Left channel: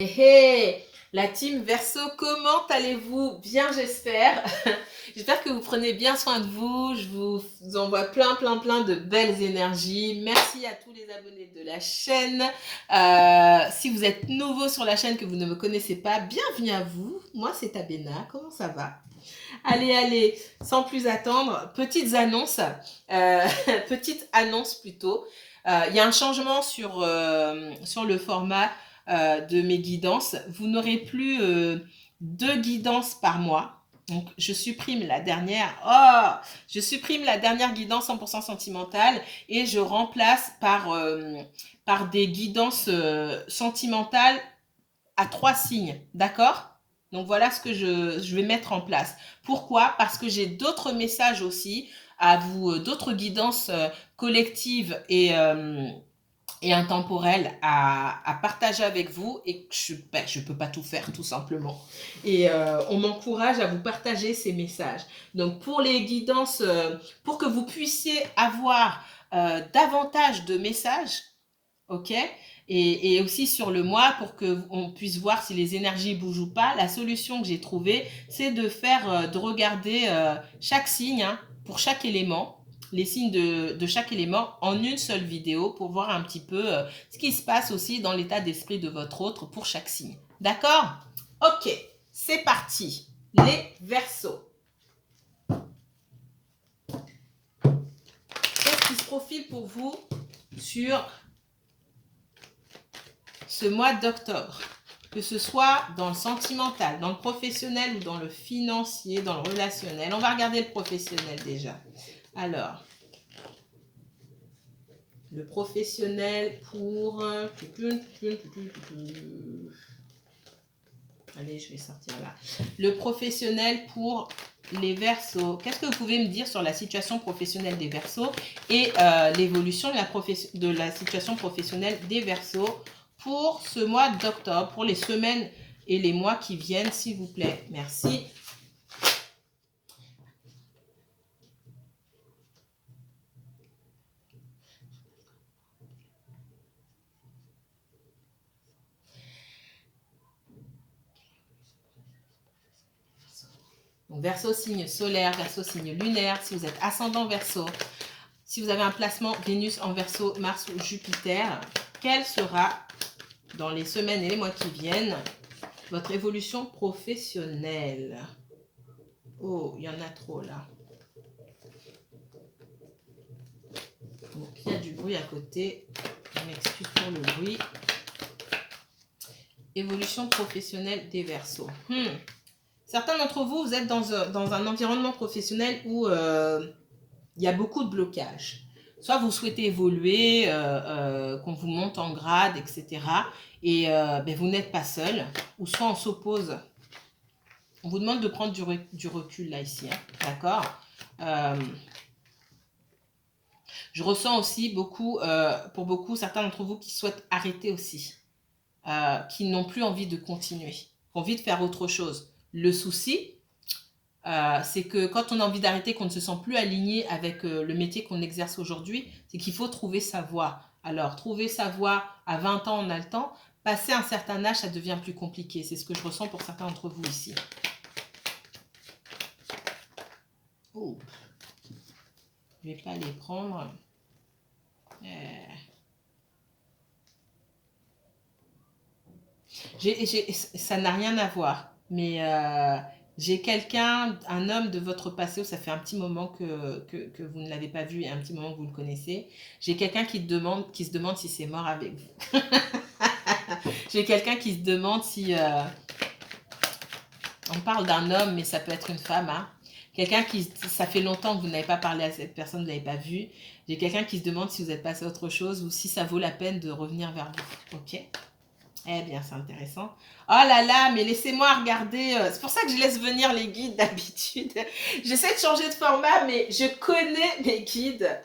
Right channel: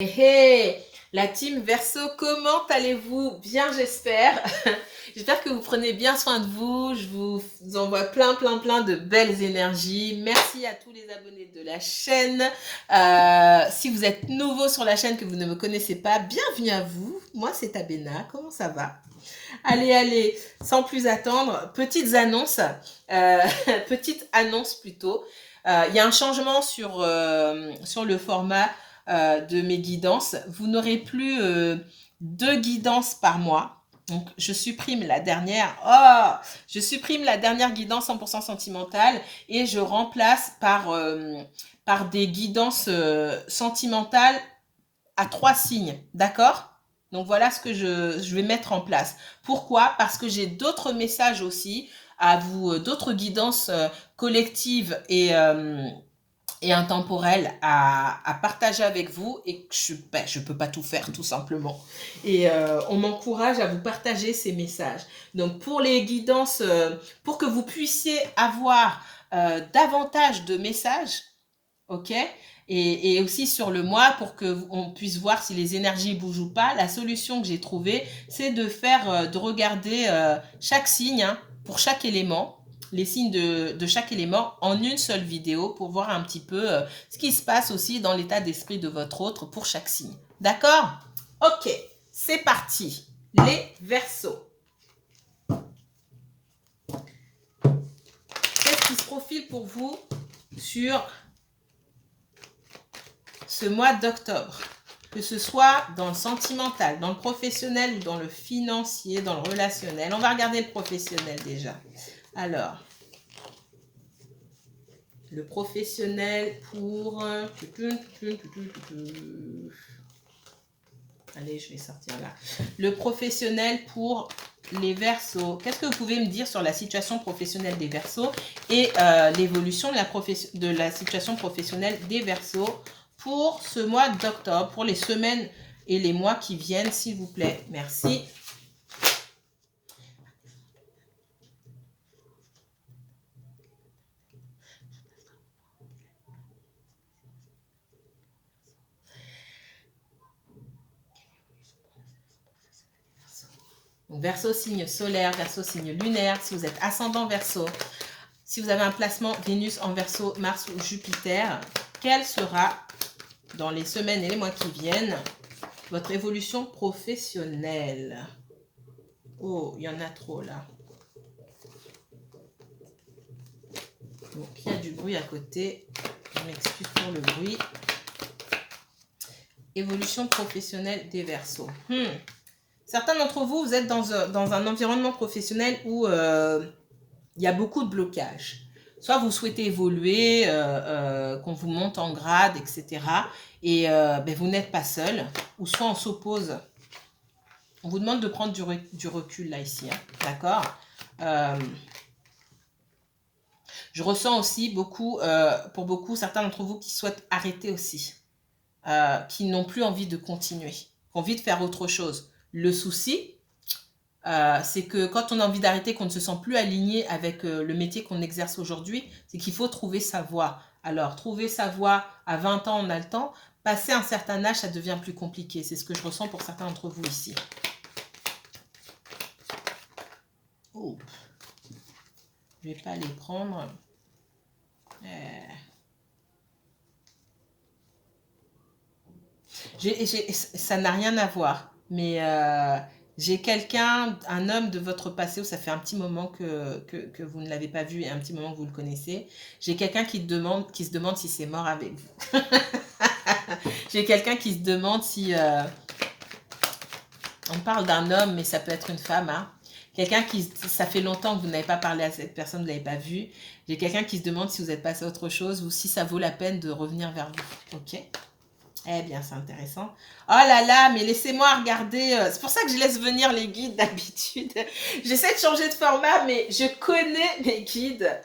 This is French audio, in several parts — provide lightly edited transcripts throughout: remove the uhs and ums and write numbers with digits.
Hey, la team Verseau, comment allez-vous? Bien, j'espère. J'espère que vous prenez bien soin de vous. Je vous envoie plein de belles énergies. Merci à tous les abonnés de la chaîne. Si vous êtes nouveau sur la chaîne, que vous ne me connaissez pas, bienvenue à vous. Moi, c'est Abena. Comment ça va? Allez, sans plus attendre, petites annonces. Petite annonce plutôt. Il y a un changement sur le format de mes guidances. Vous n'aurez plus 2 guidances par mois. Donc, je supprime la dernière. Je supprime la dernière guidance 100% sentimentale et je remplace par des guidances sentimentales à 3 signes. D'accord? Donc, voilà ce que je vais mettre en place. Pourquoi? Parce que j'ai d'autres messages aussi à vous, d'autres guidances collectives et intemporel à partager avec vous et que je ne peux pas tout faire tout simplement. Et on m'encourage à vous partager ces messages. Donc pour les guidances, pour que vous puissiez avoir davantage de messages, ok, et aussi sur le mois pour qu'on puisse voir si les énergies bougent ou pas, la solution que j'ai trouvée, c'est de regarder chaque signe, hein, pour chaque élément, les signes de chaque élément en une seule vidéo pour voir un petit peu ce qui se passe aussi dans l'état d'esprit de votre autre pour chaque signe. D'accord? Ok, c'est parti. Les Verseaux. Qu'est-ce qui se profile pour vous sur ce mois d'octobre? Que ce soit dans le sentimental, dans le professionnel ou dans le financier, dans le relationnel. On va regarder le professionnel déjà. Alors, le professionnel pour... Allez, je vais sortir là. Le professionnel pour les Verseaux. Qu'est-ce que vous pouvez me dire sur la situation professionnelle des Verseaux et l'évolution de la situation professionnelle des Verseaux pour ce mois d'octobre, pour les semaines et les mois qui viennent, s'il vous plaît. Merci. Donc, Verseau, signe solaire, Verseau, signe lunaire. Si vous êtes ascendant Verseau, si vous avez un placement Vénus en Verseau, Mars ou Jupiter, quelle sera, dans les semaines et les mois qui viennent, votre évolution professionnelle? Oh, il y en a trop là. Donc, il y a du bruit à côté. Je m'excuse pour le bruit. Évolution professionnelle des Verseaux. Certains d'entre vous, vous êtes dans un environnement professionnel où il y a beaucoup de blocages. Soit vous souhaitez évoluer, qu'on vous monte en grade, etc. Et vous n'êtes pas seul. Ou soit on s'oppose. On vous demande de prendre du recul là, ici. Hein, d'accord? Je ressens aussi pour beaucoup, certains d'entre vous qui souhaitent arrêter aussi. Qui n'ont plus envie de continuer. Qui ont envie de faire autre chose. Le souci, c'est que quand on a envie d'arrêter, qu'on ne se sent plus aligné avec le métier qu'on exerce aujourd'hui, c'est qu'il faut trouver sa voie. Alors, trouver sa voie à 20 ans, on a le temps. Passer un certain âge, ça devient plus compliqué. C'est ce que je ressens pour certains d'entre vous ici. Oh. Je ne vais pas les prendre. Ça n'a rien à voir. Mais j'ai quelqu'un, un homme de votre passé, où ça fait un petit moment que vous ne l'avez pas vu et un petit moment que vous le connaissez. J'ai quelqu'un qui se demande si c'est mort avec vous. J'ai quelqu'un qui se demande si... on parle d'un homme, mais ça peut être une femme. Hein. Quelqu'un ça fait longtemps que vous n'avez pas parlé à cette personne, vous ne l'avez pas vue. J'ai quelqu'un qui se demande si vous êtes passé à autre chose ou si ça vaut la peine de revenir vers vous. Ok? Eh bien, c'est intéressant. Oh là là, mais laissez-moi regarder. C'est pour ça que je laisse venir les guides d'habitude. J'essaie de changer de format, mais je connais mes guides.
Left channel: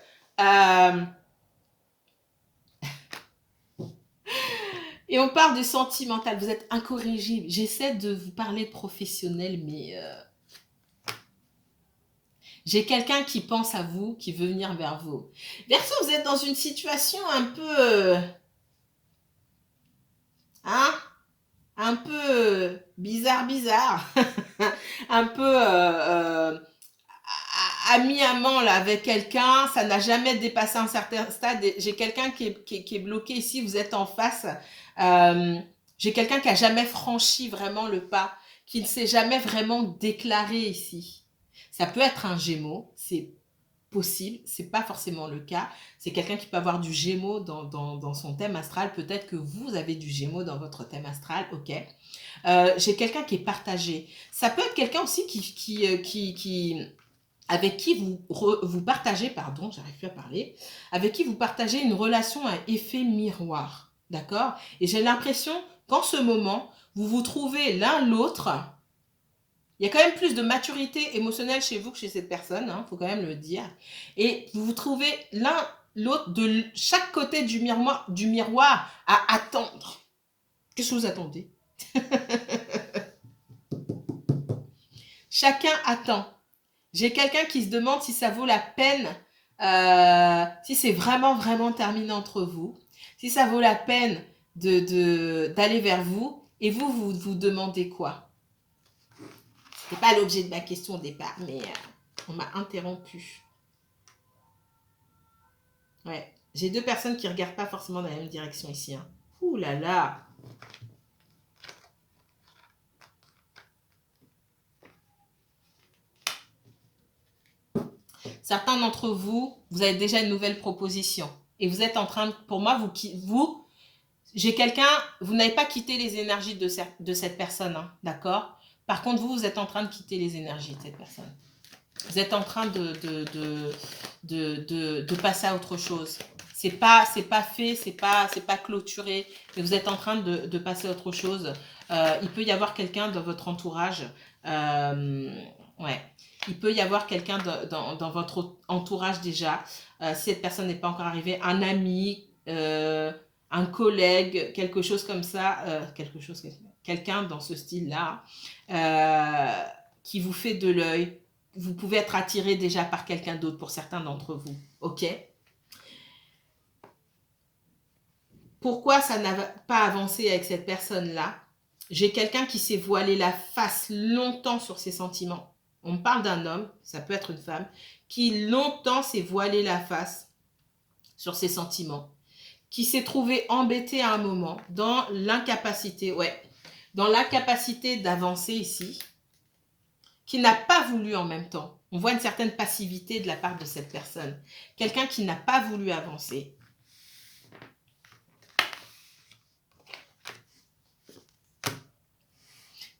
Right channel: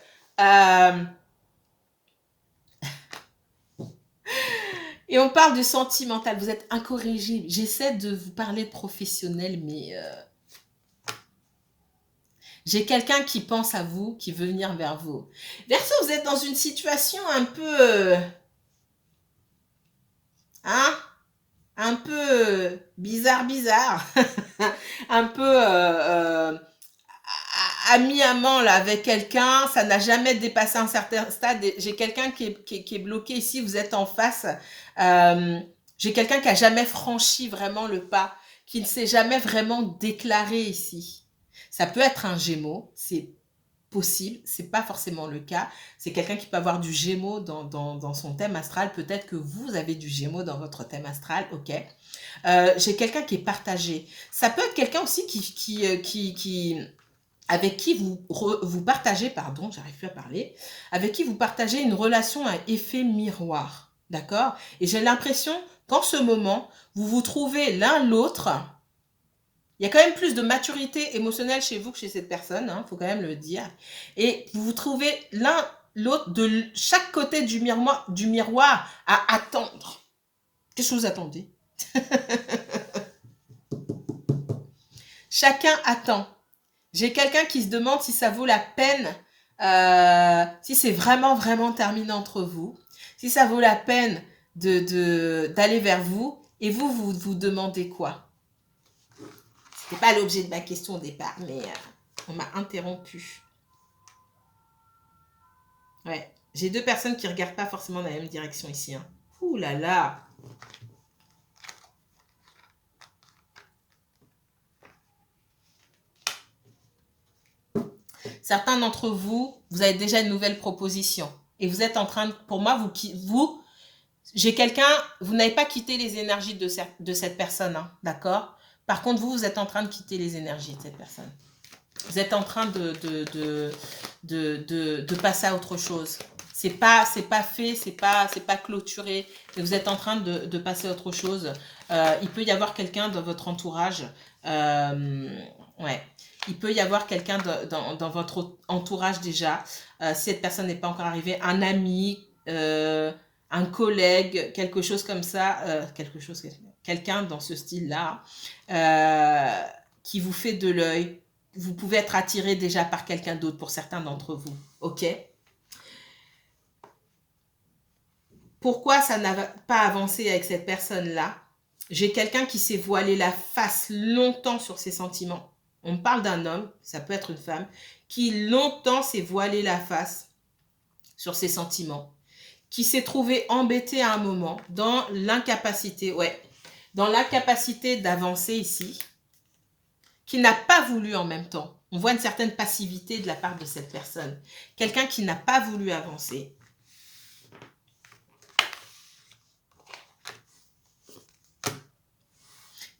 Et on parle de sentimental. Vous êtes incorrigible. J'essaie de vous parler de professionnel, mais j'ai quelqu'un qui pense à vous, qui veut venir vers vous. Verseau, vous êtes dans une situation un peu... hein? un peu bizarre, un peu ami-amant là, avec quelqu'un, ça n'a jamais dépassé un certain stade. J'ai quelqu'un qui est bloqué ici, vous êtes en face. Euh, j'ai quelqu'un qui a jamais franchi vraiment le pas, qui ne s'est jamais vraiment déclaré ici. Ça peut être un Gémeaux, c'est possible, c'est pas forcément le cas. C'est quelqu'un qui peut avoir du Gémeaux dans son thème astral. Peut-être que vous avez du Gémeaux dans votre thème astral, ok. J'ai quelqu'un qui est partagé. Ça peut être quelqu'un aussi avec qui vous partagez, pardon, j'arrive plus à parler, avec qui vous partagez une relation à effet miroir, d'accord? Et j'ai l'impression qu'en ce moment, vous vous trouvez l'un l'autre. Il y a quand même plus de maturité émotionnelle chez vous que chez cette personne, hein, faut quand même le dire. Et vous vous trouvez l'un l'autre de chaque côté du miroir à attendre. Qu'est-ce que vous attendez? Chacun attend. J'ai quelqu'un qui se demande si ça vaut la peine, si c'est vraiment terminé entre vous, si ça vaut la peine d'aller vers vous, et vous demandez quoi? Ce n'est pas l'objet de ma question au départ, mais on m'a interrompu. Ouais, j'ai deux personnes qui ne regardent pas forcément dans la même direction ici. Hein. Ouh là là! Certains d'entre vous, vous avez déjà une nouvelle proposition. Et vous êtes en train de, pour moi, j'ai quelqu'un, vous n'avez pas quitté les énergies de cette personne, hein, d'accord? Par contre, vous êtes en train de quitter les énergies de cette personne. Vous êtes en train de passer à autre chose. C'est pas fait, c'est pas clôturé, mais vous êtes en train de passer à autre chose. Il peut y avoir quelqu'un dans votre entourage. Ouais. Il peut y avoir quelqu'un dans votre entourage déjà. Si cette personne n'est pas encore arrivée, un ami, un collègue, quelque chose comme ça, quelqu'un dans ce style-là, qui vous fait de l'œil. Vous pouvez être attiré déjà par quelqu'un d'autre pour certains d'entre vous. Ok? Pourquoi ça n'a pas avancé avec cette personne-là? J'ai quelqu'un qui s'est voilé la face longtemps sur ses sentiments. On parle d'un homme, ça peut être une femme, qui longtemps s'est voilé la face sur ses sentiments, qui s'est trouvé embêté à un moment dans l'incapacité, dans l'incapacité d'avancer ici, qui n'a pas voulu en même temps. On voit une certaine passivité de la part de cette personne. Quelqu'un qui n'a pas voulu avancer.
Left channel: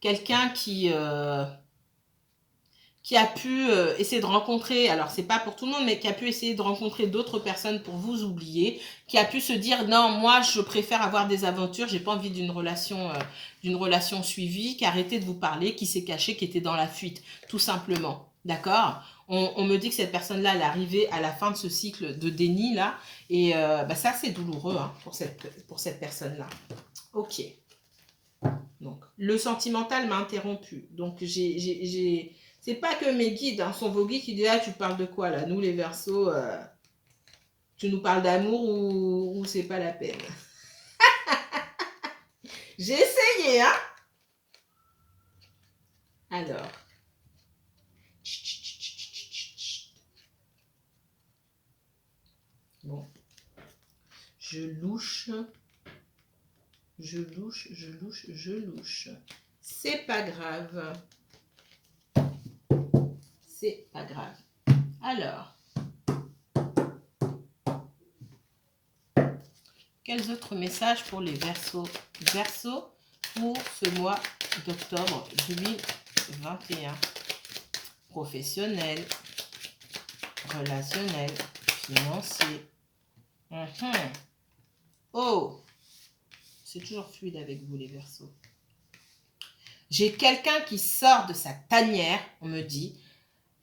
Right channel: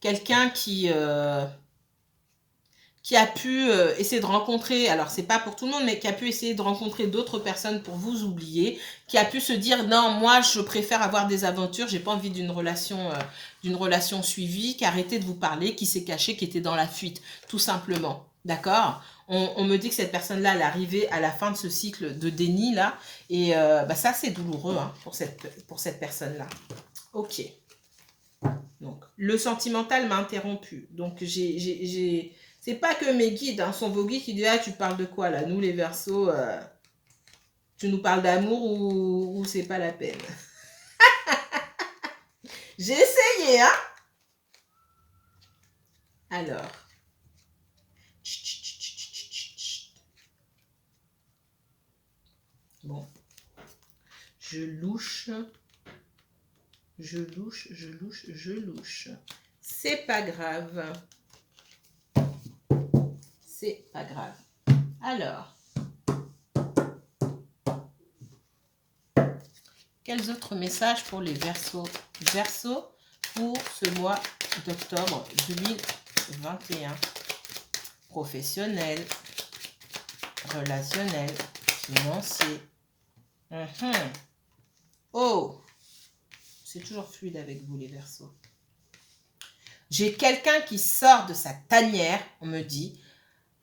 Quelqu'un qui a pu essayer de rencontrer, alors c'est pas pour tout le monde, mais qui a pu essayer de rencontrer d'autres personnes pour vous oublier, qui a pu se dire non, moi je préfère avoir des aventures, j'ai pas envie d'une relation suivie, qui a arrêté de vous parler, qui s'est caché, qui était dans la fuite, tout simplement. D'accord? On me dit que cette personne-là, elle est arrivée à la fin de ce cycle de déni là, et ça c'est douloureux hein, pour cette personne-là. Ok. Donc, le sentimental m'a interrompu. Donc, c'est pas que mes guides, hein, sont vos guides qui disent, ah, tu parles de quoi là? Nous, les Verseaux, tu nous parles d'amour ou c'est pas la peine? J'ai essayé, hein? Alors. Bon. Je louche. C'est pas grave. C'est pas grave. Alors. Quels autres messages pour les Verseaux? Verseaux pour ce mois d'octobre 2021. Professionnel, relationnel, financier. Oh, c'est toujours fluide avec vous les Verseaux. J'ai quelqu'un qui sort de sa tanière, on me dit,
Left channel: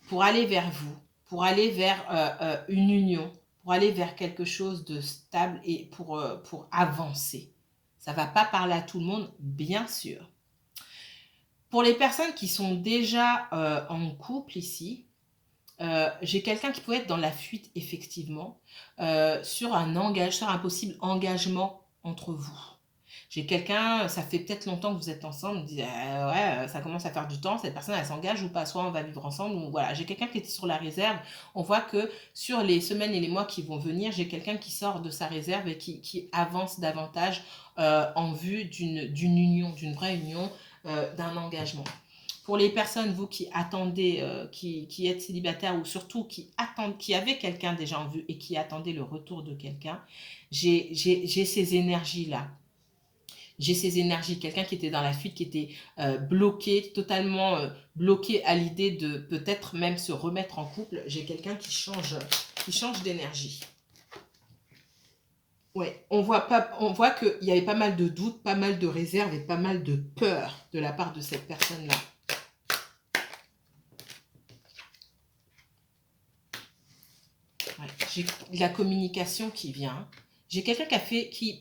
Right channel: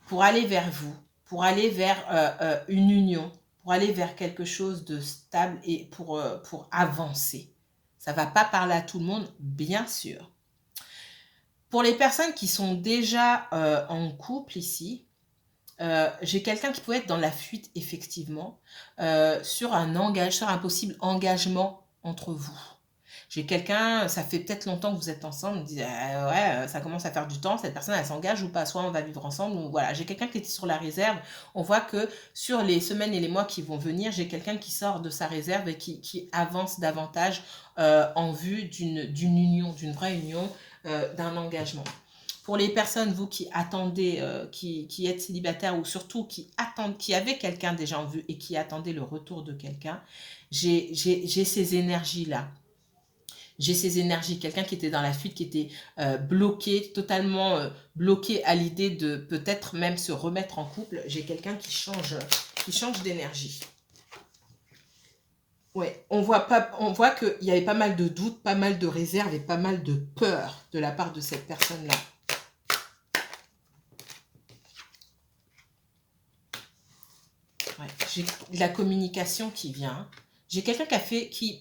pour aller vers vous, pour aller vers une union, pour aller vers quelque chose de stable et pour avancer. Ça ne va pas parler à tout le monde, bien sûr. Pour les personnes qui sont déjà en couple ici, j'ai quelqu'un qui peut être dans la fuite, effectivement, sur un possible engagement entre vous. J'ai quelqu'un, ça fait peut-être longtemps que vous êtes ensemble, on dit ouais, ça commence à faire du temps, cette personne elle s'engage ou pas, soit on va vivre ensemble, ou voilà. J'ai quelqu'un qui était sur la réserve, on voit que sur les semaines et les mois qui vont venir, j'ai quelqu'un qui sort de sa réserve et qui avance davantage en vue d'une union, d'une vraie union, d'un engagement. Pour les personnes, vous qui attendez, qui êtes célibataire ou surtout qui avez quelqu'un déjà en vue et qui attendez le retour de quelqu'un, j'ai ces énergies-là. J'ai ces énergies, quelqu'un qui était dans la fuite, qui était bloqué, totalement bloqué à l'idée de peut-être même se remettre en couple. J'ai quelqu'un qui change d'énergie. Ouais, on voit qu'il y avait pas mal de doutes, pas mal de réserves et pas mal de peur de la part de cette personne-là. Ouais, j'ai la communication qui vient. J'ai quelqu'un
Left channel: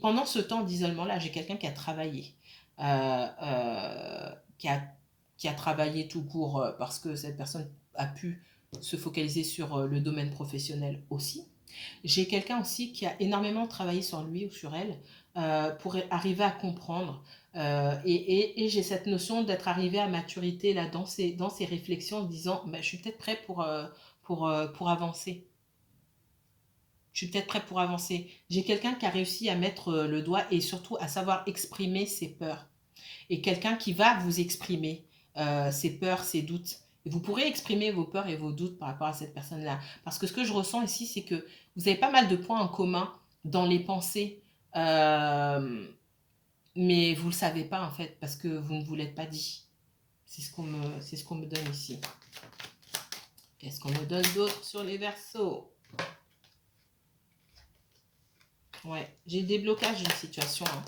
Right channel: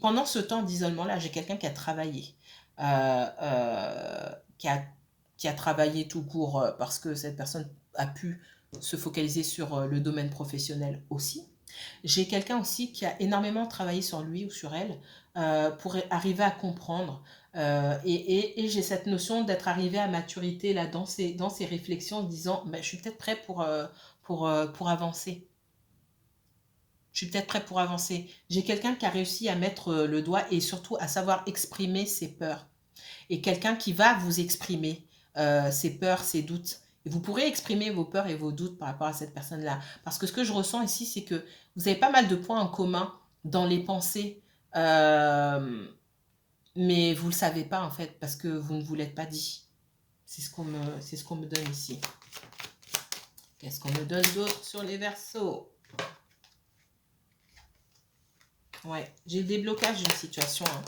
pendant ce temps d'isolement-là, j'ai quelqu'un qui a travaillé. Euh, euh, qui a, qui a travaillé tout court parce que cette personne a pu se focaliser sur le domaine professionnel aussi. J'ai quelqu'un aussi qui a énormément travaillé sur lui ou sur elle pour arriver à comprendre. Et j'ai cette notion d'être arrivé à maturité là, dans ces réflexions en disant ben, je suis peut-être prêt pour avancer. Je suis peut-être prêt pour avancer. J'ai quelqu'un qui a réussi à mettre le doigt et surtout à savoir exprimer ses peurs. Et quelqu'un qui va vous exprimer ses peurs, ses doutes. Et vous pourrez exprimer vos peurs et vos doutes par rapport à cette personne-là. Parce que ce que je ressens ici, c'est que vous avez pas mal de points en commun dans les pensées, mais vous ne le savez pas en fait, parce que vous ne vous l'êtes pas dit. C'est ce qu'on me donne ici. Qu'est-ce qu'on me donne d'autre sur les Verseaux? Ouais, j'ai le déblocage d'une situation. Hein.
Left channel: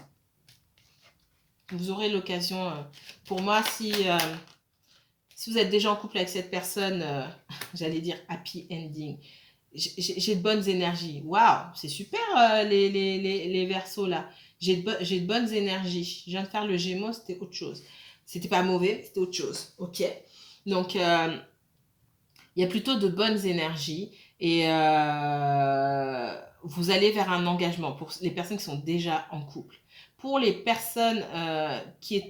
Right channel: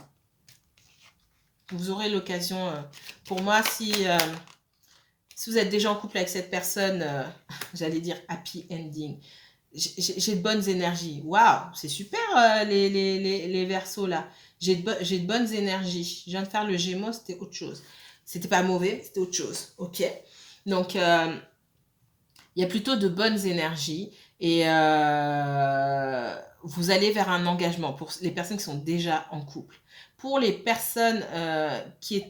Vous aurez l'occasion, pour moi, si vous êtes déjà en couple avec cette personne, j'allais dire happy ending, j'ai de bonnes énergies. Waouh, c'est super les Verseaux là. J'ai de bonnes énergies. Je viens de faire le Gémeaux, c'était autre chose. C'était pas mauvais, c'était autre chose. Ok. Donc, il y a plutôt de bonnes énergies et vous allez vers un engagement pour les personnes qui sont déjà en couple. Pour les personnes qui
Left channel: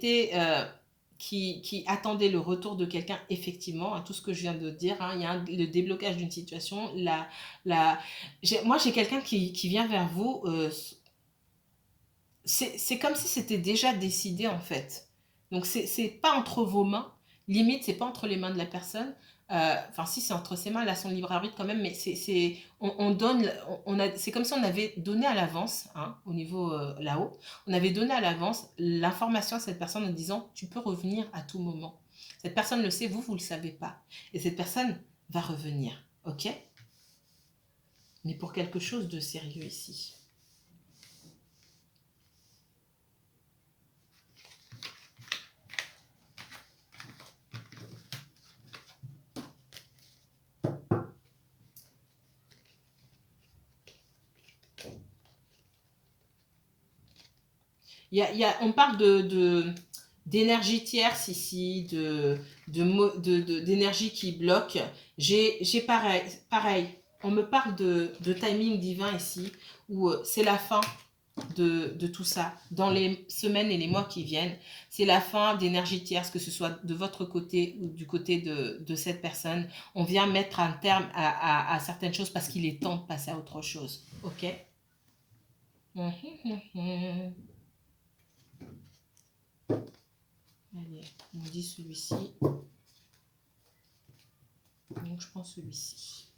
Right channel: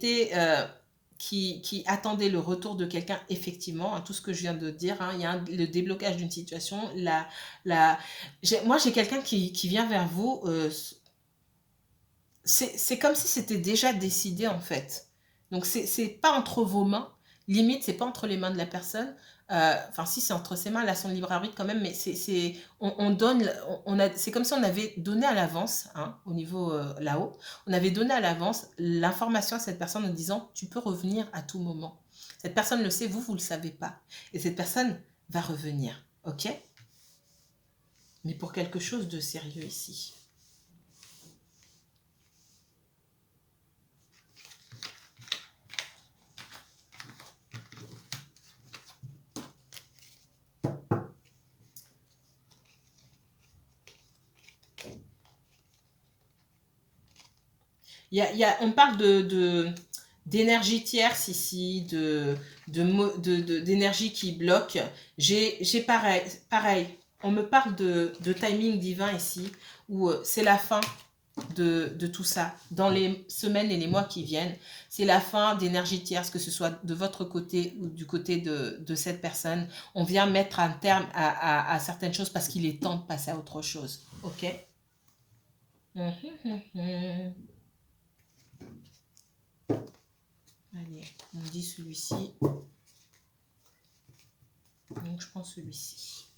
attendaient le retour de quelqu'un, effectivement, hein, tout ce que je viens de dire, hein, il y a le déblocage d'une situation. Moi, j'ai quelqu'un qui vient vers vous. C'est comme si c'était déjà décidé, en fait. Donc, c'est pas entre vos mains. Limite, c'est pas entre les mains de la personne. Enfin, si, c'est entre ses mains, elle a son libre arbitre quand même, mais on donne, c'est comme si on avait donné à l'avance, hein, au niveau là-haut, on avait donné à l'avance l'information à cette personne en disant, tu peux revenir à tout moment. Cette personne le sait, vous le savez pas. Et cette personne va revenir, ok? Mais pour quelque chose de sérieux ici. On parle d'énergie tierce ici, d'énergie qui bloque. J'ai pareil, on me parle de timing divin ici, où c'est la fin de tout ça. Dans les semaines et les mois qui viennent, c'est la fin d'énergie tierce, que ce soit de votre côté ou du côté de cette personne. On vient mettre un terme à certaines choses parce qu'il est temps de passer à autre chose. Ok? Allez, on dit celui-ci. Donc, je prends celui-ci.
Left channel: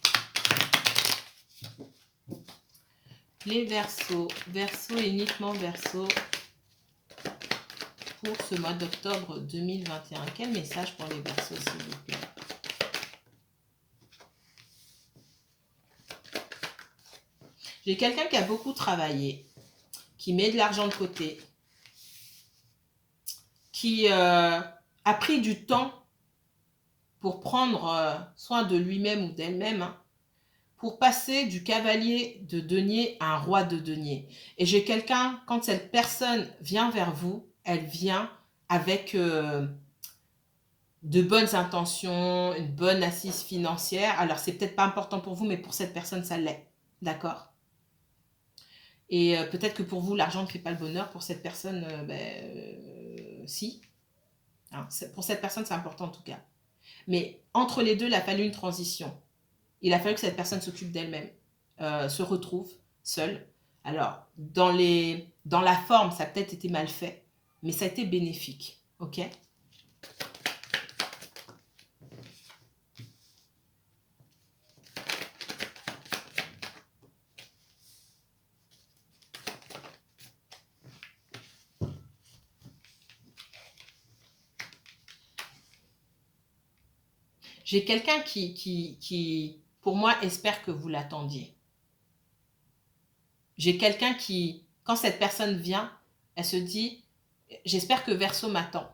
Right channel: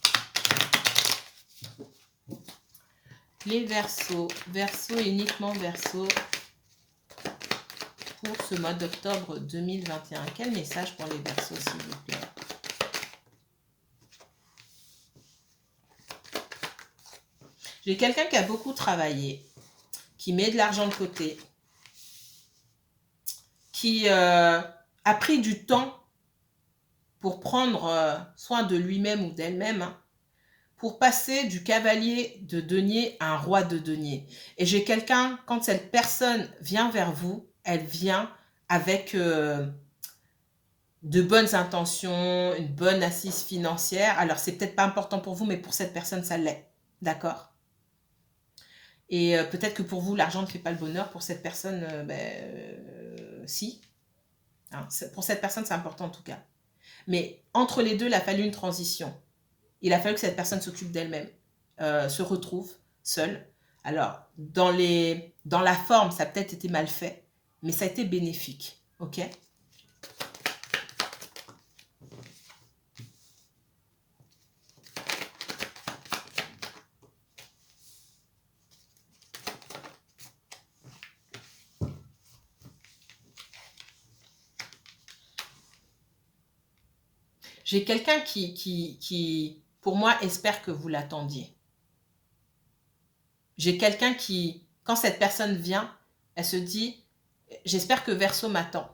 Les Verseaux. Verseaux, uniquement Verseaux. Pour ce mois d'octobre 2021. Quel message pour les Verseaux, s'il vous plaît? J'ai quelqu'un qui a beaucoup travaillé, qui met de l'argent de côté, qui a pris du temps pour prendre soin de lui-même ou d'elle-même, hein, pour passer du cavalier de denier à un roi de denier. Et j'ai quelqu'un, quand cette personne vient vers vous, elle vient avec de bonnes intentions, une bonne assise financière. Alors, c'est peut-être pas important pour vous, mais pour cette personne, ça l'est. D'accord? Et peut-être que pour vous, l'argent ne fait pas le bonheur. Pour cette personne, si. Hein, pour cette personne, c'est important en tout cas. Mais entre les deux, il a fallu une transition. Il a fallu que cette personne s'occupe d'elle-même, se retrouve seule. Alors, dans la forme, ça a peut-être été mal fait, mais ça a été bénéfique. Ok? J'ai quelqu'un qui, pour moi, espère que vous l'attendiez. J'ai quelqu'un qui, quand cette personne vient, elle se dit, j'espère que Verseau m'attend.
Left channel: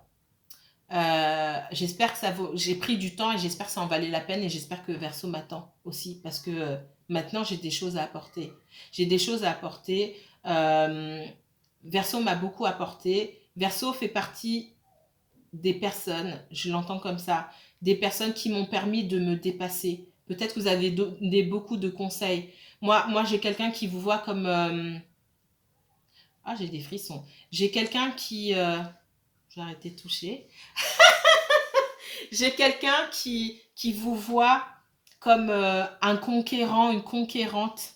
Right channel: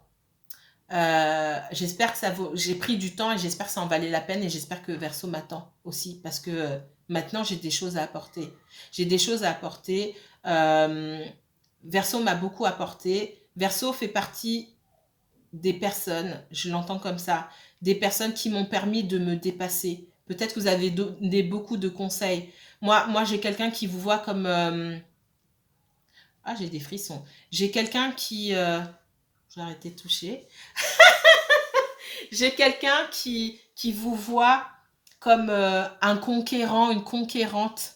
J'espère que ça vaut. J'ai pris du temps et j'espère que ça en valait la peine et j'espère que Verseau m'attend aussi parce que maintenant j'ai des choses à apporter. J'ai des choses à apporter. Verseau m'a beaucoup apporté. Verseau fait partie des personnes, je l'entends comme ça, des personnes qui m'ont permis de me dépasser. Peut-être que vous avez donné beaucoup de conseils. Moi j'ai quelqu'un qui vous voit comme... Ah, j'ai des frissons. J'ai quelqu'un qui... Je vais arrêter de toucher. J'ai quelqu'un qui vous voit comme un conquérant, une conquérante.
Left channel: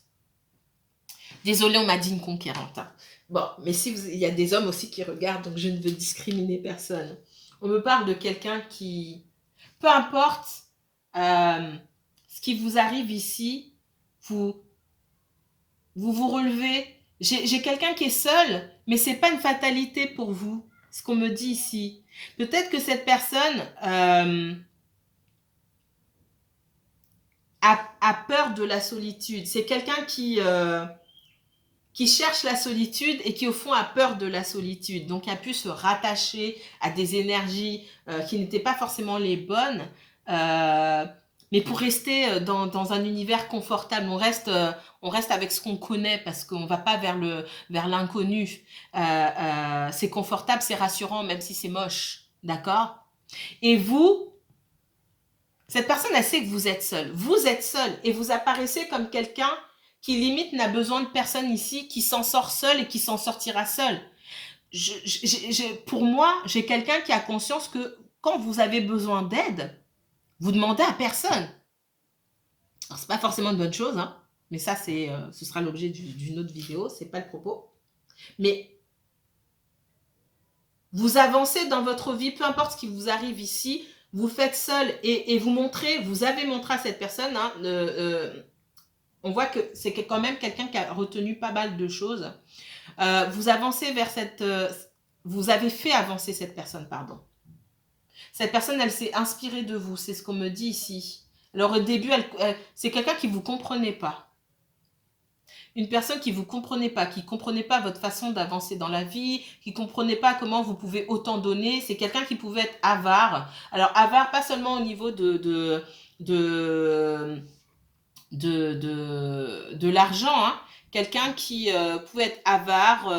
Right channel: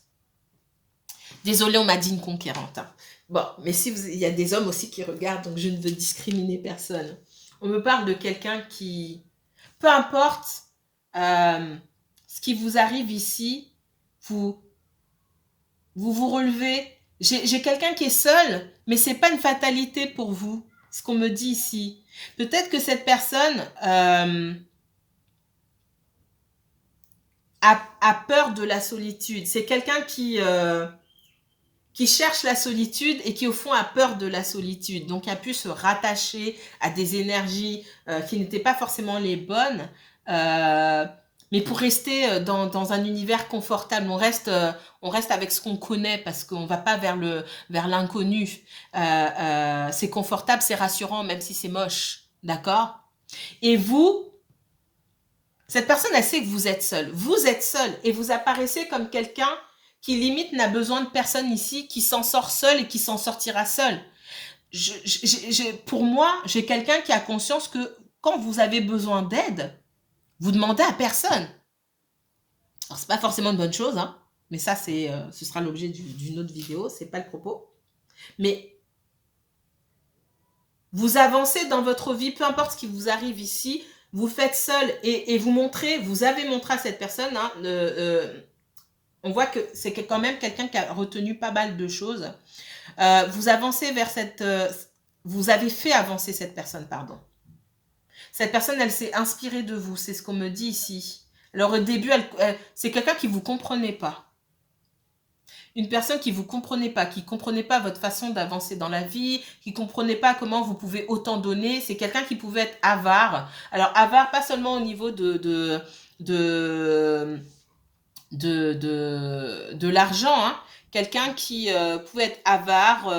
Désolée, on m'a dit une conquérante. Hein. Bon, mais si il y a des hommes aussi qui regardent, donc je ne veux discriminer personne. On me parle de quelqu'un qui, peu importe ce qui vous arrive ici, vous relevez. J'ai quelqu'un qui est seul, mais c'est pas une fatalité pour vous, ce qu'on me dit ici. Peut-être que cette personne a peur de la solitude. C'est quelqu'un qui cherche la solitude et qui au fond a peur de la solitude. Donc a pu se rattacher à des énergies qui n'étaient pas forcément les bonnes. Mais pour rester dans un univers confortable, on reste avec ce qu'on connaît parce qu'on ne va pas vers l'inconnu. C'est confortable, c'est rassurant, même si c'est moche. D'accord? Et vous, cette personne, elle sait que vous êtes seul. Vous êtes seul et vous apparaissez comme quelqu'un qui limite n'a besoin de personne ici, qui s'en sort seul et qui s'en sortira seul. Pour moi, j'ai quelqu'un qui a conscience que quand vous avez besoin d'aide, vous demandez à personne. Alors, c'est pas forcément une bonne chose, hein, mais ça, ce sera l'objet d'une autre vidéo, c'est pas le propos. Mais vous avancez dans votre vie, peu importe ce qui vous arrive ici, vous faites seul et vous montrez, vous avez montré à cette personne, hein, on voit que c'est quand même quelqu'un qui a retenu pas mal de choses. Vous avancez vers vous avez fait avancer cette personne, pardon. Cette personne, elle s'est inspirée de vous, c'est ce qu'on me dit ici. Alors au début, c'est quelqu'un qui ne vous comprenait pas. Une personne qui ne vous comprenait pas, qui ne comprenait pas votre façon d'avancer dans la vie, qui ne comprenait pas comment vous pouvez autant donner. C'est quelqu'un qui pouvait être avare. Alors avare, pas seulement au niveau de l'argent, hein. Quelqu'un qui pouvait être avare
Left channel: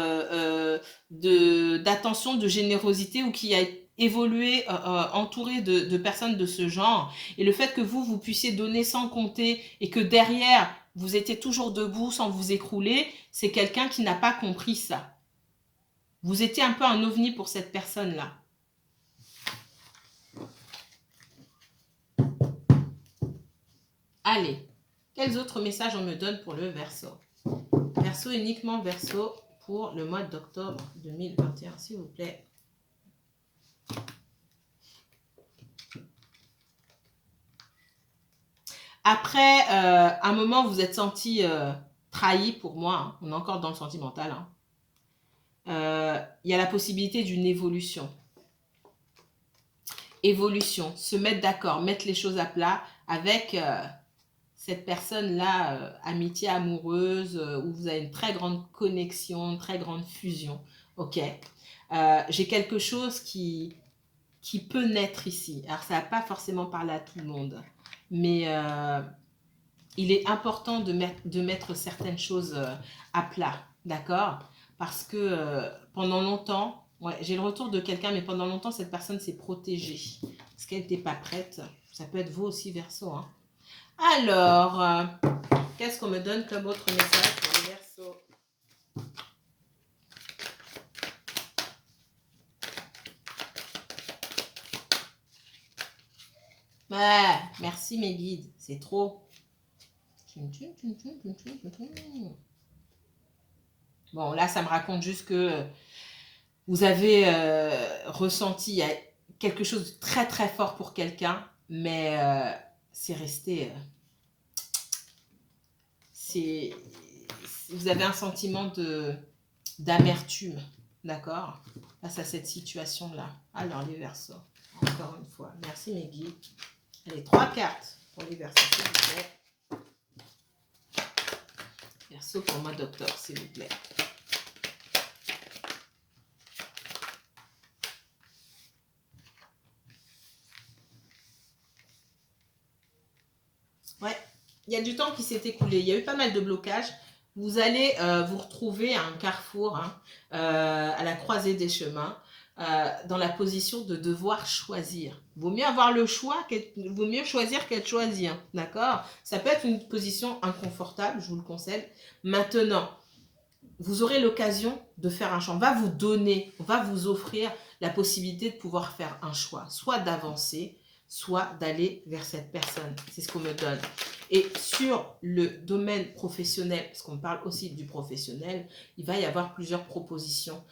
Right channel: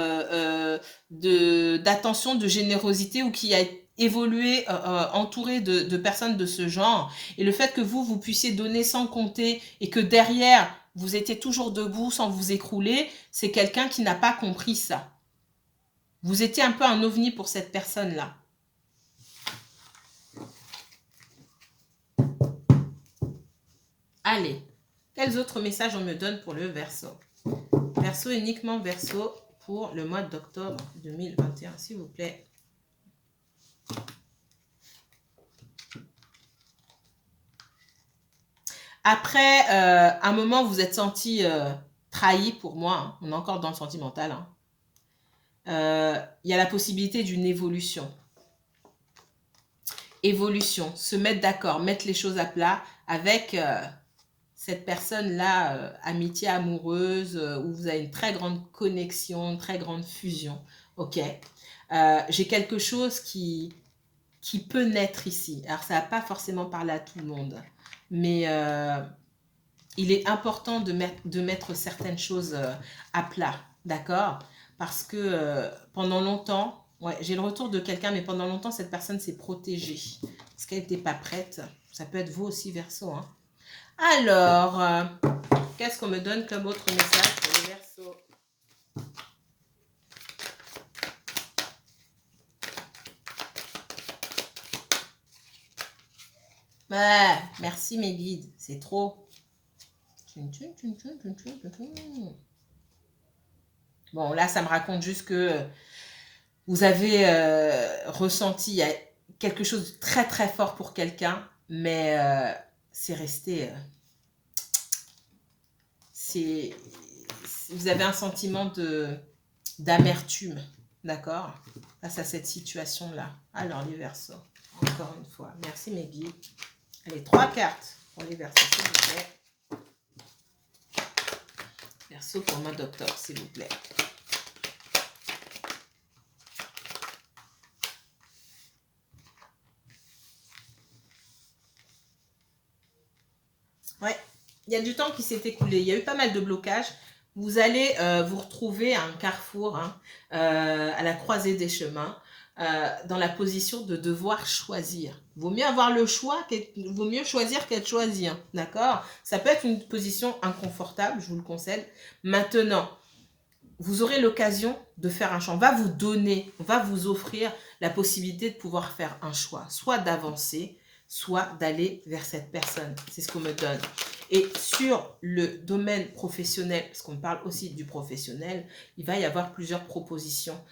d'attention, de générosité ou qui a évolué entouré de personnes de ce genre. Et le fait que vous puissiez donner sans compter et que derrière, vous étiez toujours debout sans vous écrouler, c'est quelqu'un qui n'a pas compris ça. Vous étiez un peu un ovni pour cette personne-là. Allez. Quels autres messages on me donne pour le Verseau? Verseau, uniquement Verseau pour le mois d'octobre 2021, s'il vous plaît. Après un moment, vous êtes senti trahi pour moi. Hein. On est encore dans le sentimental. Hein. Il y a la possibilité d'une évolution. Évolution, se mettre d'accord, mettre les choses à plat avec... cette personne-là, amitié amoureuse, où vous avez une très grande connexion, une très grande fusion. Ok. J'ai quelque chose qui peut naître ici. Alors, ça ne va pas forcément parler à tout le monde, mais il est important de mettre certaines choses à plat, d'accord? Parce que pendant longtemps, ouais, j'ai le retour de quelqu'un, mais pendant longtemps, cette personne s'est protégée parce qu'elle n'était pas prête. Ça peut être vous aussi, Verseau, hein. Alors, qu'est-ce qu'on me donne comme autre message pour le Verseau? Ouais, merci mes guides, c'est trop. Bon, là, ça me raconte juste que vous avez ressenti quelque chose de très très fort pour quelqu'un, mais c'est resté... c'est, vous avez un sentiment d'amertume, d'accord, face à cette situation-là. Alors, les Verseaux, encore une fois, merci mes guides. Allez, 3 cartes pour les Verseaux, s'il vous plaît. Verseau pour moi, docteur, s'il vous plaît. Ouais, il y a du temps qui s'est écoulé. Il y a eu pas mal de blocages. Vous allez vous retrouver à un carrefour, hein, à la croisée des chemins, dans la position de devoir choisir. Vaut mieux avoir le choix, vaut mieux choisir qu'être choisi, hein, d'accord? Ça peut être une position inconfortable, je vous le conseille. Maintenant, vous aurez l'occasion de faire un choix. On va vous donner, on va vous offrir la possibilité de pouvoir faire un choix, soit d'avancer, soit d'aller vers cette personne. C'est ce qu'on me donne. Et sur le domaine professionnel, parce qu'on parle aussi du professionnel, il va y avoir plusieurs propositions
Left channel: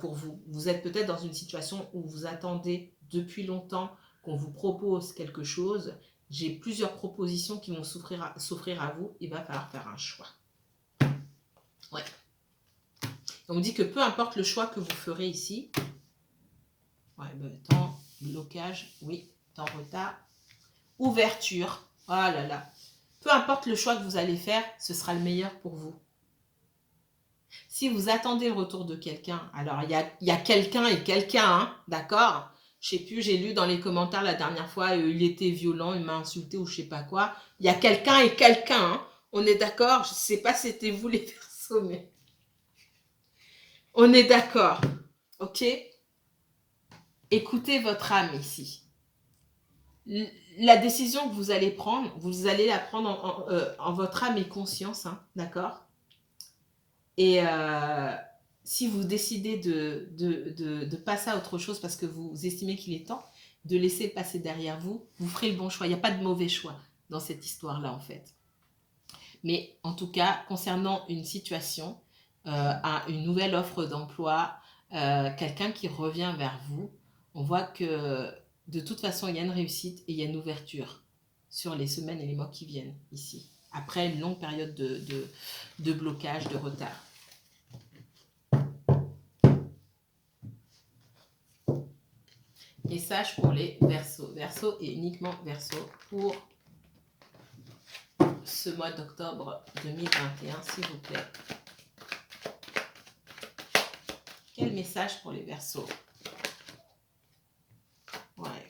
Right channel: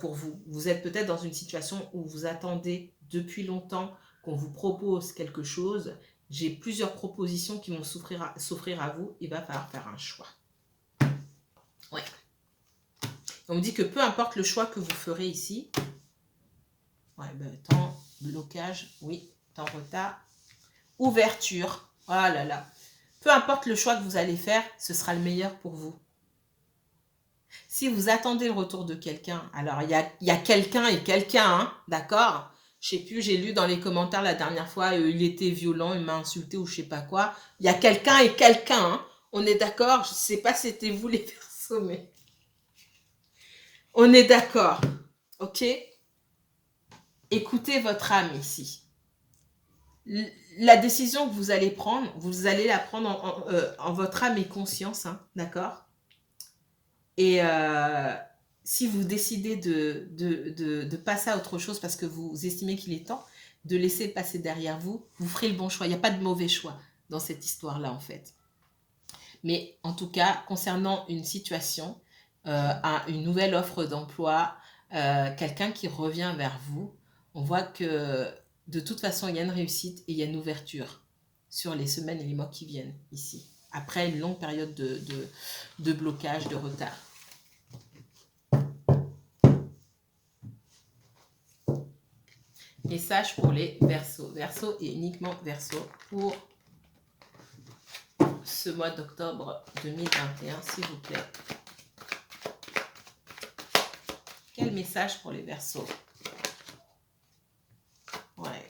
pour vous. Vous êtes peut-être dans une situation où vous attendez depuis longtemps qu'on vous propose quelque chose. J'ai plusieurs propositions qui vont s'offrir à vous. Il va falloir faire un choix. Ouais. On me dit que peu importe le choix que vous ferez ici, ouais, temps, blocage, oui, temps, retard, ouverture, oh là là, peu importe le choix que vous allez faire, ce sera le meilleur pour vous. Si vous attendez le retour de quelqu'un, alors il y a quelqu'un et quelqu'un, hein, d'accord? Je sais plus, j'ai lu dans les commentaires la dernière fois, il était violent, il m'a insulté ou je sais pas quoi. Il y a quelqu'un et quelqu'un, hein. On est d'accord? Je sais pas si c'était vous les Verseaux, mais on est d'accord, ok? Écoutez votre âme ici. La décision que vous allez prendre, vous allez la prendre en votre âme et conscience, hein, d'accord? Et si vous décidez de passer à autre chose parce que vous estimez qu'il est temps, de laisser passer derrière vous, vous ferez le bon choix. Il n'y a pas de mauvais choix dans cette histoire-là, en fait. Mais en tout cas, concernant une situation, une nouvelle offre d'emploi, quelqu'un qui revient vers vous, on voit que de toute façon, il y a une réussite et il y a une ouverture sur les semaines et les mois qui viennent ici, après une longue période de blocage, de retard. Message pour les Verseaux. Verseaux et uniquement Verseaux pour ce mois d'octobre 2021, s'il vous plaît. Quel message pour les Verseaux? Ouais.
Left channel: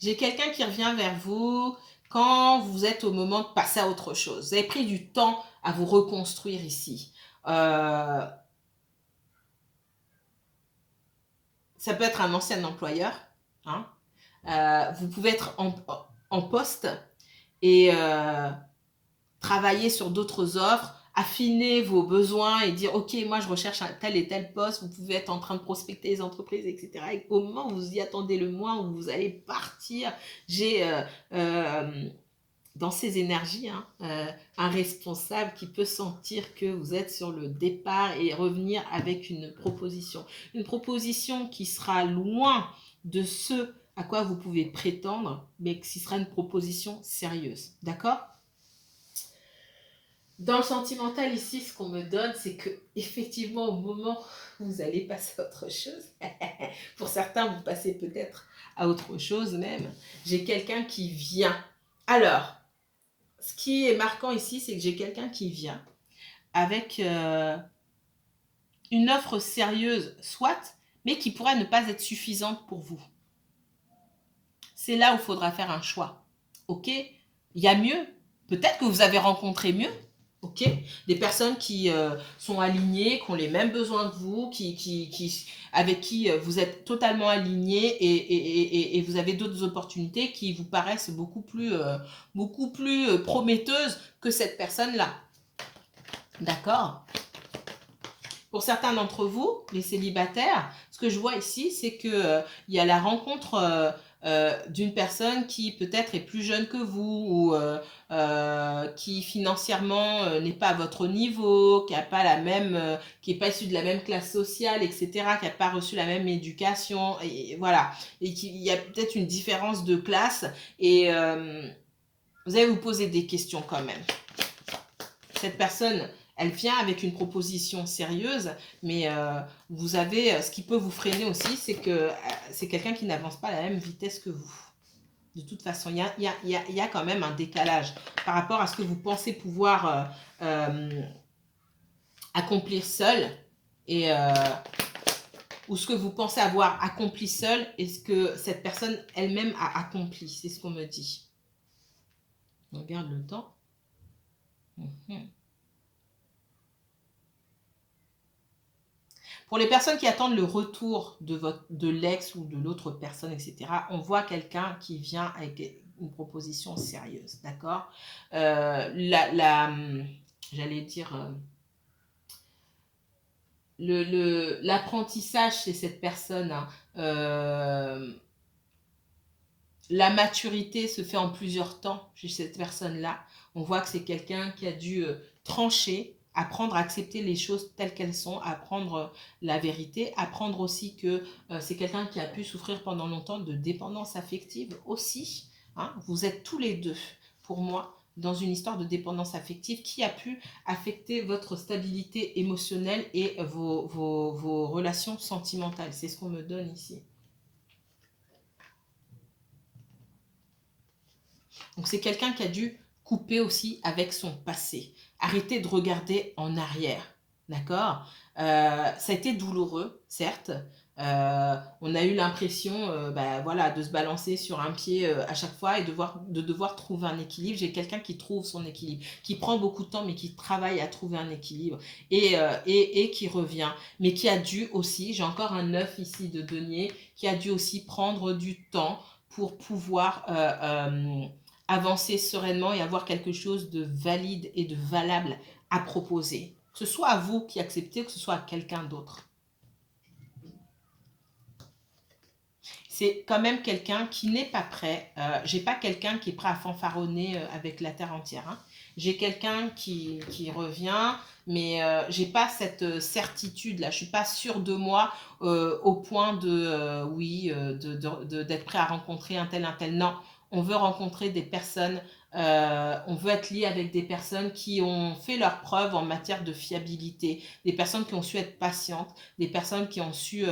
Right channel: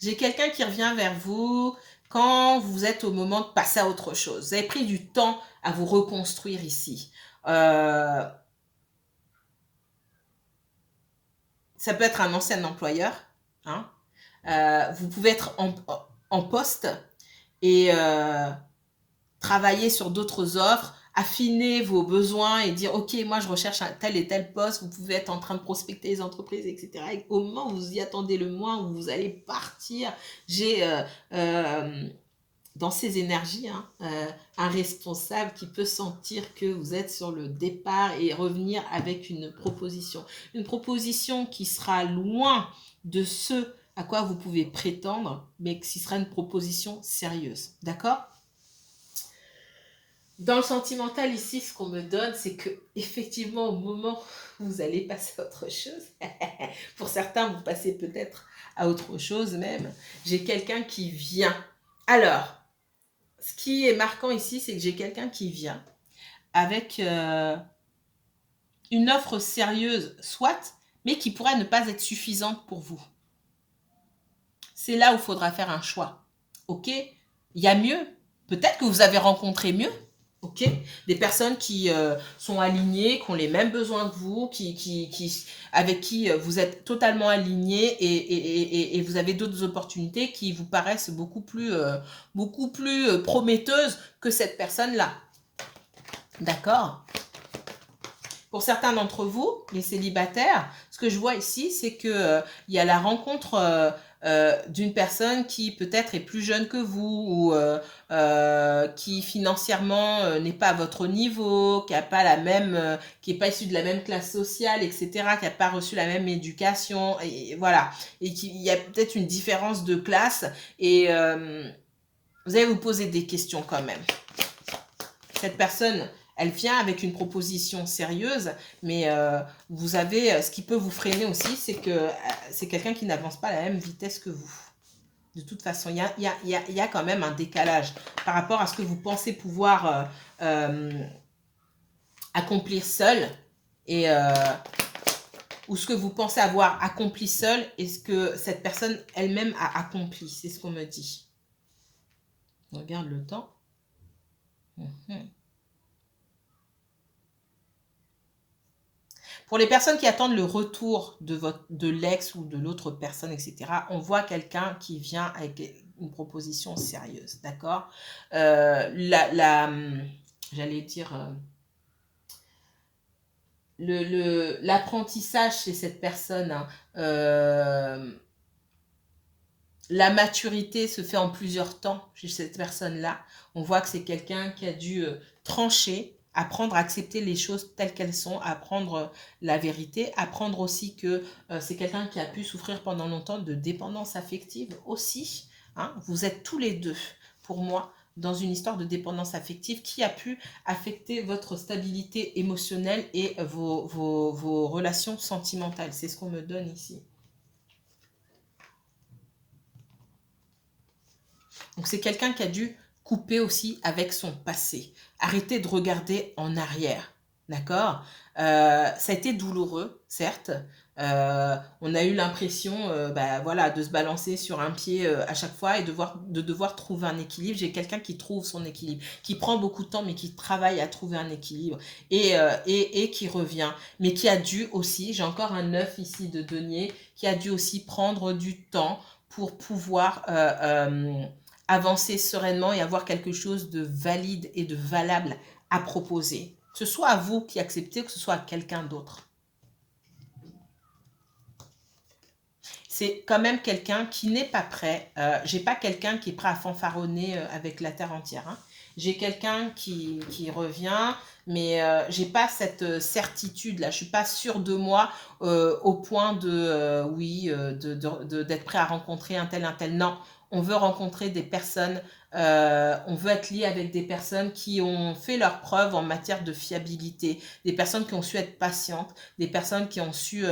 J'ai quelqu'un qui revient vers vous quand vous êtes au moment de passer à autre chose. Vous avez pris du temps à vous reconstruire ici. Ça peut être un ancien employeur. Hein. Vous pouvez être en poste et travailler sur d'autres offres, affiner vos besoins et dire ok, moi je recherche un tel et tel poste. Vous pouvez être en train de prospecter les entreprises, etc. Et au moment où vous y attendez le moins, où vous allez partir, j'ai dans ces énergies, hein, un responsable qui peut sentir que vous êtes sur le départ et revenir avec une proposition. Une proposition qui sera loin de ce à quoi vous pouvez prétendre, mais qui sera une proposition sérieuse. D'accord ? Dans le sentimental, ici, ce qu'on me donne, c'est que effectivement, au moment où vous allez passer à autre chose, pour certains, vous passez peut-être à autre chose même, j'ai quelqu'un qui vient. Alors, ce qui est marquant ici, c'est que j'ai quelqu'un qui vient avec une offre sérieuse, soit, mais qui pourrait ne pas être suffisante pour vous. C'est là où il faudra faire un choix. Ok ? Il y a mieux. Peut-être que vous avez rencontré mieux. Ok ? Des personnes qui sont alignées, qui ont les mêmes besoins que vous, avec qui vous êtes totalement alignés et vous avez d'autres opportunités qui vous paraissent beaucoup plus prometteuses que cette personne-là. D'accord ? Pour certains d'entre vous, les célibataires, ce que je vois ici, c'est que il y a la rencontre d'une personne qui peut-être est plus jeune que vous ou qui financièrement n'est pas à votre niveau, qui a pas la même, qui est pas issu de la même classe sociale, etc., qui n'a pas reçu la même éducation, et voilà, et qu'il y a peut-être une différence de classe, et vous allez vous poser des questions quand même. Cette personne, elle vient avec une proposition sérieuse, mais vous avez, ce qui peut vous freiner aussi, c'est que c'est quelqu'un qui n'avance pas à la même vitesse que vous. De toute façon, il y a quand même un décalage par rapport à ce que vous pensez pouvoir accomplir seul, et ou ce que vous pensez avoir accompli seul et ce que cette personne elle-même a accompli. C'est ce qu'on me dit. On regarde le temps. Pour les personnes qui attendent le retour de l'ex ou de l'autre personne, etc., on voit quelqu'un qui vient avec une proposition sérieuse, d'accord. J'allais dire, l'apprentissage chez cette personne, hein, la maturité se fait en plusieurs temps chez cette personne-là. On voit que c'est quelqu'un qui a dû trancher, apprendre à accepter les choses telles qu'elles sont, apprendre la vérité, apprendre aussi que c'est quelqu'un qui a pu souffrir pendant longtemps de dépendance affective aussi. Hein. Vous êtes tous les deux, pour moi, dans une histoire de dépendance affective qui a pu affecter votre stabilité émotionnelle et vos relations sentimentales. C'est ce qu'on me donne ici. Donc c'est quelqu'un qui a dû couper aussi avec son passé. Arrêter de regarder en arrière. D'accord. Ça a été douloureux, certes. On a eu l'impression voilà, de se balancer sur un pied à chaque fois et de devoir trouver un équilibre. J'ai quelqu'un qui trouve son équilibre, qui prend beaucoup de temps mais qui travaille à trouver un équilibre et qui revient. Mais qui a dû aussi, j'ai encore un 9 ici de denier, qui a dû aussi prendre du temps pour pouvoir avancer sereinement et avoir quelque chose de valide et de valable à proposer. Que ce soit à vous qui acceptez, que ce soit à quelqu'un d'autre. C'est quand même quelqu'un qui n'est pas prêt. J'ai pas quelqu'un qui est prêt à fanfaronner avec la terre entière. Hein. J'ai quelqu'un qui revient, mais j'ai pas cette certitude là. Je suis pas sûre de moi au point d'être prêt à rencontrer un tel, un tel. Non, on veut rencontrer des personnes. On veut être lié avec des personnes qui ont fait leurs preuves en matière de fiabilité, des personnes qui ont su être patientes, des personnes qui ont su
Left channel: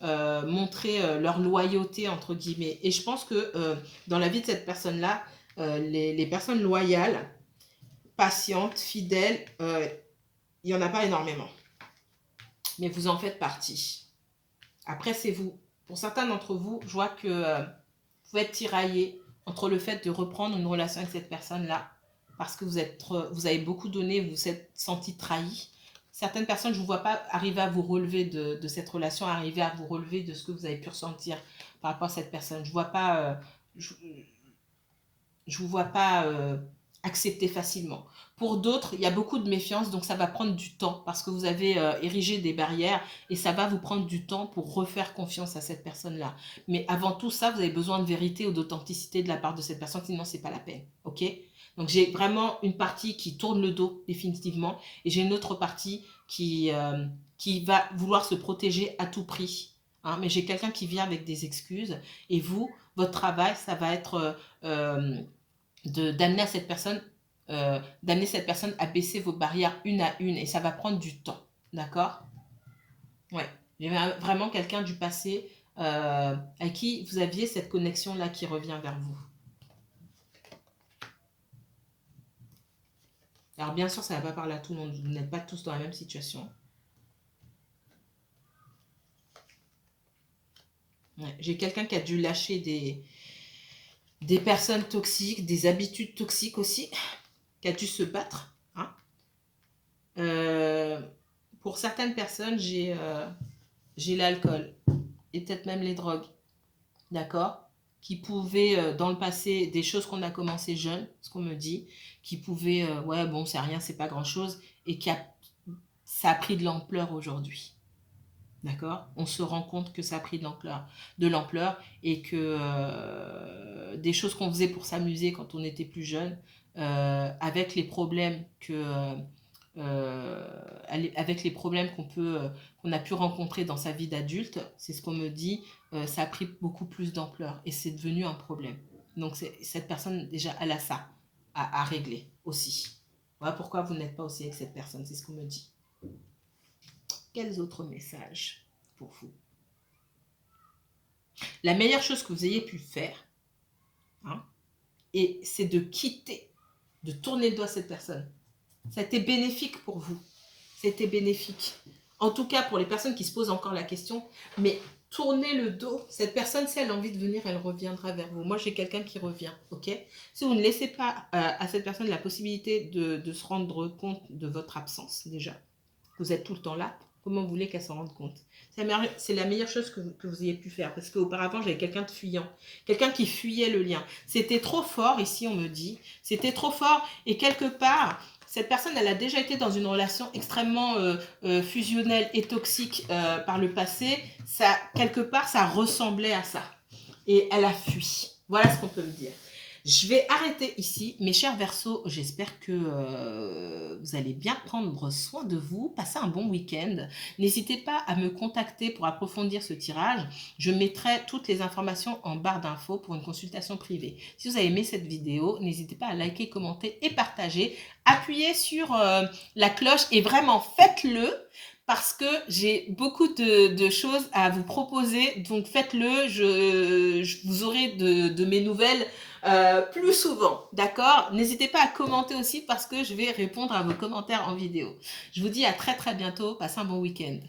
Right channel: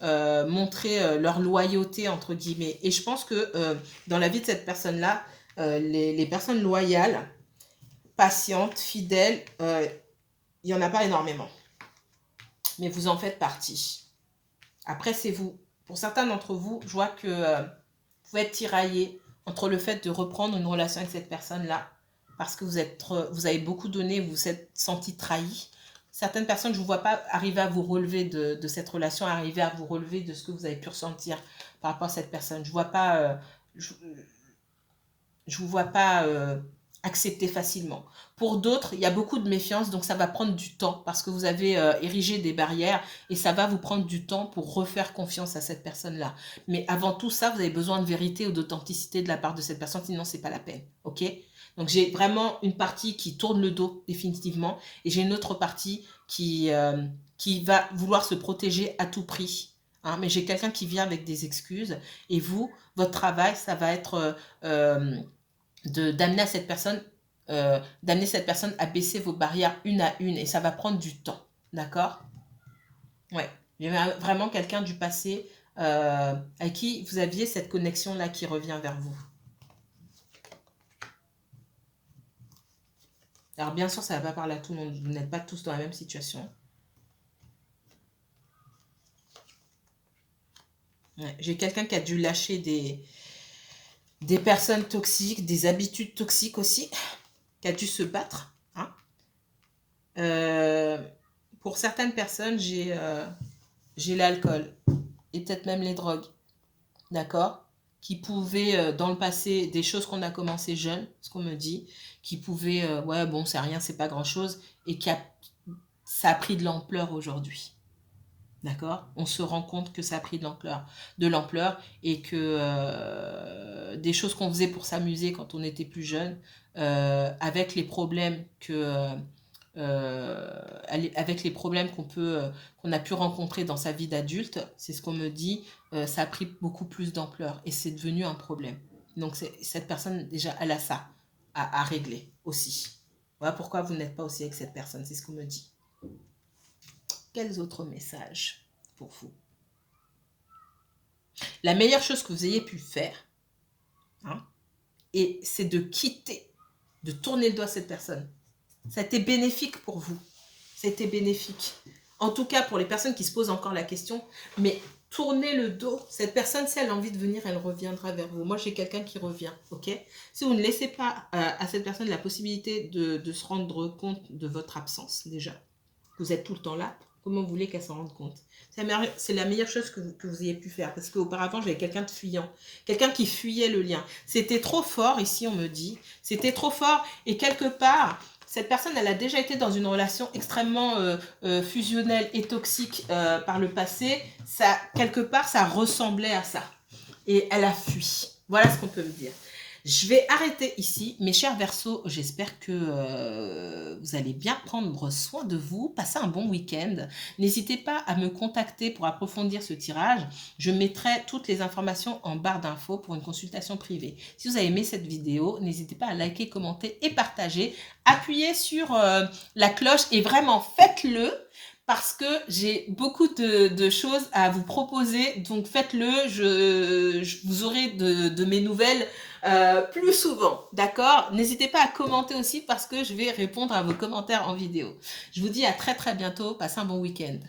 montrer leur loyauté, entre guillemets. Et je pense que dans la vie de cette personne-là, les personnes loyales, patientes, fidèles, il n'y en a pas énormément. Mais vous en faites partie. Après, c'est vous. Pour certains d'entre vous, je vois que vous pouvez être tiraillé entre le fait de reprendre une relation avec cette personne-là, parce que vous avez beaucoup donné, vous vous êtes senti trahi. Certaines personnes, je ne vous vois pas arriver à vous relever de cette relation, arriver à vous relever de ce que vous avez pu ressentir par rapport à cette personne. Je ne vois pas, je vous vois pas accepter facilement. Pour d'autres, il y a beaucoup de méfiance, donc ça va prendre du temps parce que vous avez érigé des barrières et ça va vous prendre du temps pour refaire confiance à cette personne-là. Mais avant tout ça, vous avez besoin de vérité ou d'authenticité de la part de cette personne, sinon c'est pas la peine. Ok? Donc j'ai vraiment une partie qui tourne le dos définitivement et j'ai une autre partie qui va vouloir se protéger à tout prix. Hein, mais j'ai quelqu'un qui vient avec des excuses et vous, votre travail, ça va être d'amener cette personne à baisser vos barrières une à une et ça va prendre du temps. D'accord? Ouais. Il y a vraiment quelqu'un du passé à qui vous aviez cette connexion-là qui revient vers vous. Alors bien sûr, ça ne va pas parler à tout le monde. Vous n'êtes pas tous dans la même situation. Ouais. J'ai quelqu'un qui a dû lâcher des personnes toxiques, des habitudes toxiques aussi, qui a dû se battre. Hein. Pour certaines personnes, j'ai l'alcool et peut-être même les drogues, d'accord, qui pouvaient, dans le passé, des choses qu'on a commencé jeune, ce qu'on me dit, qui pouvaient, ouais, bon, c'est rien, c'est pas grand-chose, et ça a pris de l'ampleur aujourd'hui. D'accord? On se rend compte que ça a pris de l'ampleur et que des choses qu'on faisait pour s'amuser quand on était plus jeune, avec les problèmes avec les problèmes qu'on a pu rencontrer dans sa vie d'adulte, c'est ce qu'on me dit, ça a pris beaucoup plus d'ampleur et c'est devenu un problème. Donc cette personne, déjà, elle a ça à régler aussi. Voilà pourquoi vous n'êtes pas aussi avec cette personne, c'est ce qu'on me dit. Quels autres messages pour vous? La meilleure chose que vous ayez pu faire, hein, et c'est de quitter, de tourner le doigt à cette personne. Ça a été bénéfique pour vous. C'était bénéfique. En tout cas, pour les personnes qui se posent encore la question, mais tournez le dos. Cette personne, si elle a envie de venir, elle reviendra vers vous. Moi, j'ai quelqu'un qui revient, ok? Si vous ne laissez pas à cette personne la possibilité de se rendre compte de votre absence, déjà, vous êtes tout le temps là, comment vous voulez qu'elle s'en rende compte? C'est la meilleure chose que vous ayez pu faire. Parce qu'auparavant, j'avais quelqu'un de fuyant. Quelqu'un qui fuyait le lien. C'était trop fort, ici, on me dit. C'était trop fort. Et quelque part, cette personne, elle a déjà été dans une relation extrêmement fusionnelle et toxique par le passé. Ça, quelque part, ça ressemblait à ça. Et elle a fui. Voilà ce qu'on peut me dire. Je vais arrêter ici, mes chers Verseaux. J'espère que vous allez bien prendre soin de vous, passer un bon week-end. N'hésitez pas à me contacter pour approfondir ce tirage. Je mettrai toutes les informations en barre d'infos pour une consultation privée. Si vous avez aimé cette vidéo, n'hésitez pas à liker, commenter et partager. Appuyez sur la cloche et vraiment faites-le. Parce que j'ai beaucoup de choses à vous proposer, donc faites-le, vous aurez de mes nouvelles plus souvent, d'accord? N'hésitez pas à commenter aussi parce que je vais répondre à vos commentaires en vidéo. Je vous dis à très très bientôt, passez un bon week-end.